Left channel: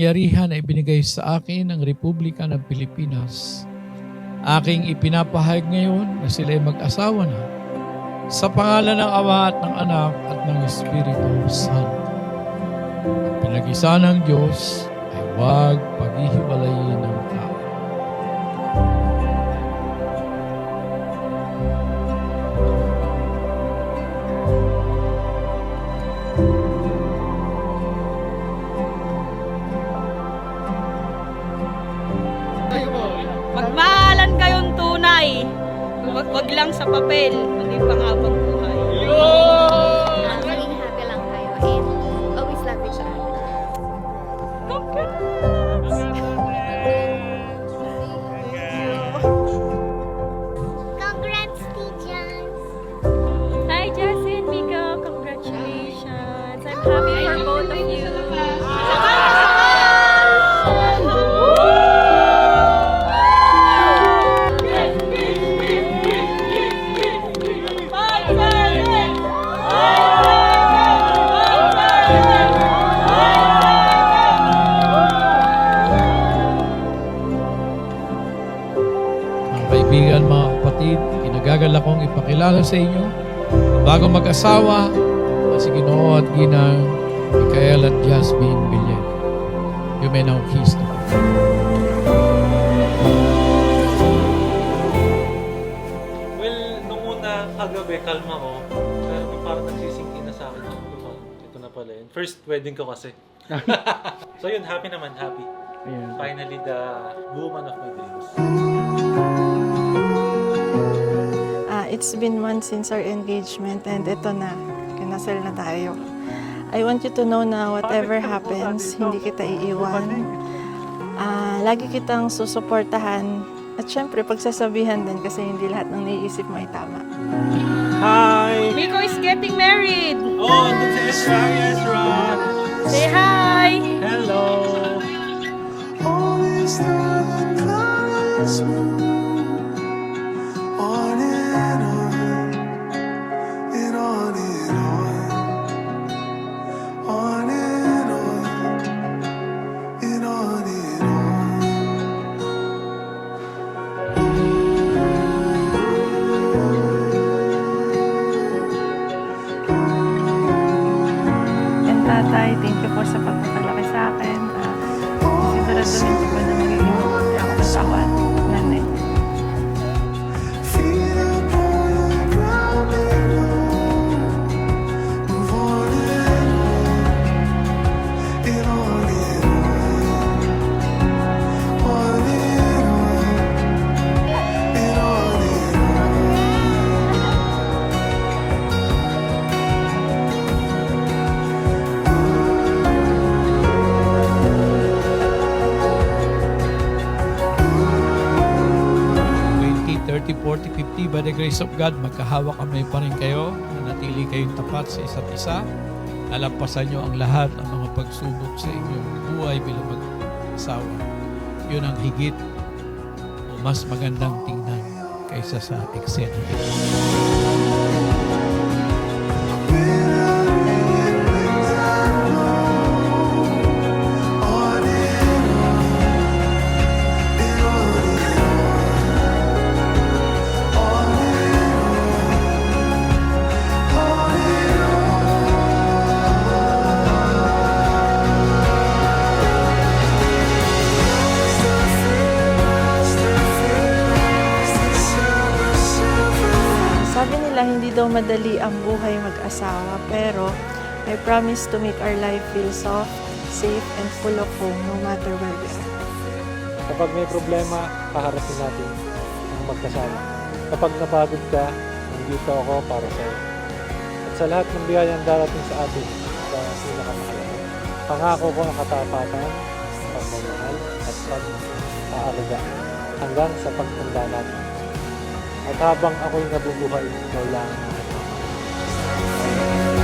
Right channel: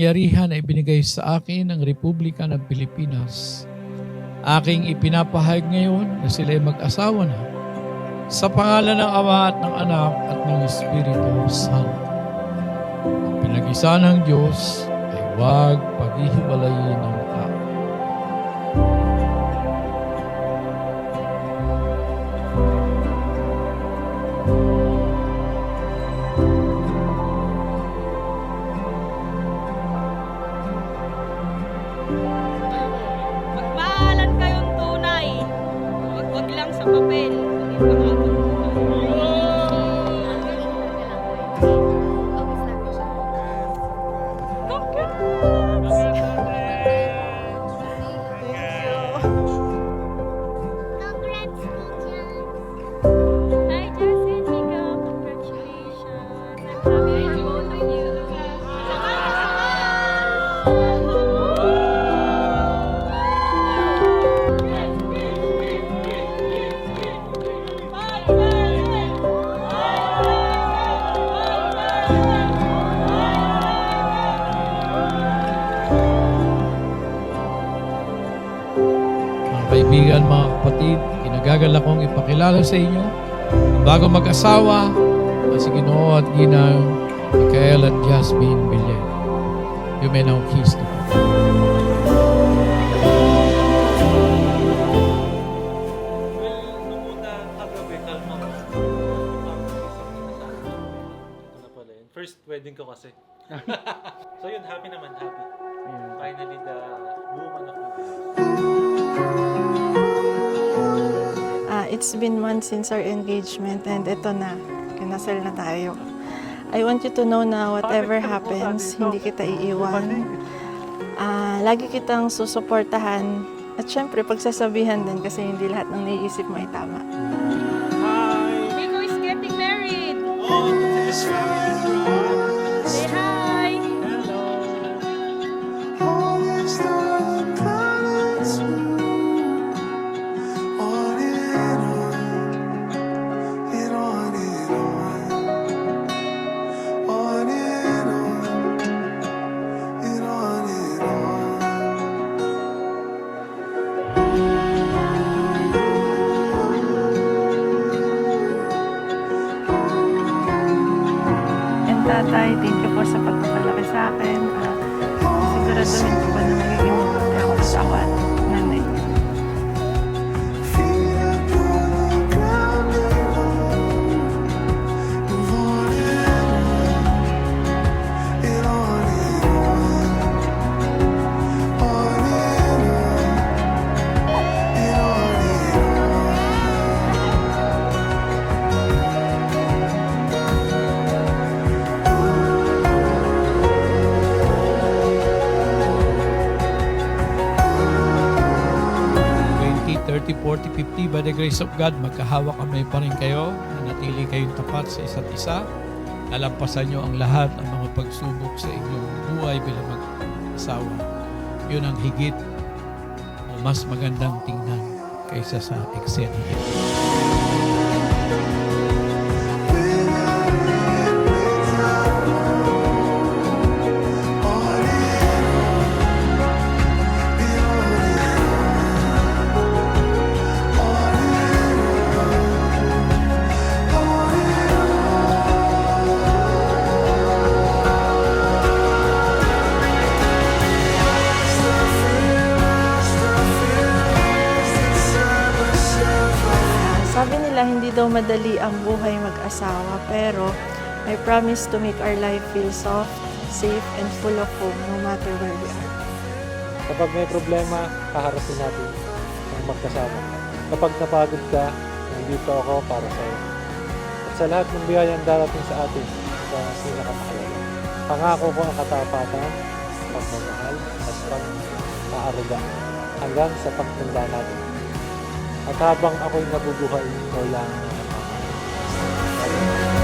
Yarihan ay binigay sa akin ng Republika ng Pilipinas. Aking ipinapahayag ngayon na sila ay mag-asawa na sa pangalan ng Ama at ng Anak at ng Espiritu Santo. Ang pinag-isa ng Diyos ay huwag paghihiwalayin ng tao. Magmahalan kayong tunay. Wag lang sa papel, hindi panghabang buhay. Maging happy lang kayo and always love each other. Congrats! Congrats, teachers! Hi, Jessie and Mika. Congratulations. I'm happy for both of you. Mga kaibigan, mga kapatid, kinagagalak kong ipakilala sa inyo ang bago mag-asawa at si Ginoo at Ginang Michael at Jasmine Villen. You may now kiss them. Well, nung una kagabi, kalma ko. Pero parang nagsisingin na sa akin. Ito na pala yun. First wedding ko kasi. So yun, happy naman, happy. Finally, the woman of my dreams. It's been months since our engagement and ito na, kinasal na tayo. I want you to know na whatever happens, hindi kita iiwan. Lagi kitang susuportahan at syempre pagsasabihan din kasi hindi lahat ng naiisip mo ay tama. Hi! Miko is getting married. Oh, dun si Ezra! Ezra! Say hi! Hello! And tatay, thank you po sa pagpapalaki sa akin. Siguraduhin ko pa na magiging mabuti ako asawa at nanay. $20, $30, $40, $50, by the grace of God, magkahawak kami pa rin kayo, nanatili kayong tapat sa isa't isa, lalampasan nyo ang lahat ng mga pagsubok sa inyong buhay bilang mag-asawa. Yun ang higit o mas magandang tingnan kaysa sa eksena nito. Sabi nila hindi daw madali ang buhay mag-asawa pero I promise to make our life feel soft, safe, and full of home no matter where we are. Kapag may problema, kaharapin natin ang magkasama. Kapag napagod ka, nandito ako para sa'yo. At sa lahat ng biyayang darating sa atin, ito ang pinakamahalaga. Pangako ko ang katapatan, pagmamahal, at pag-aaruga hanggang sa pagtanda natin. At habang ako'y nabubuhay, ikaw lang ang aking mamahal.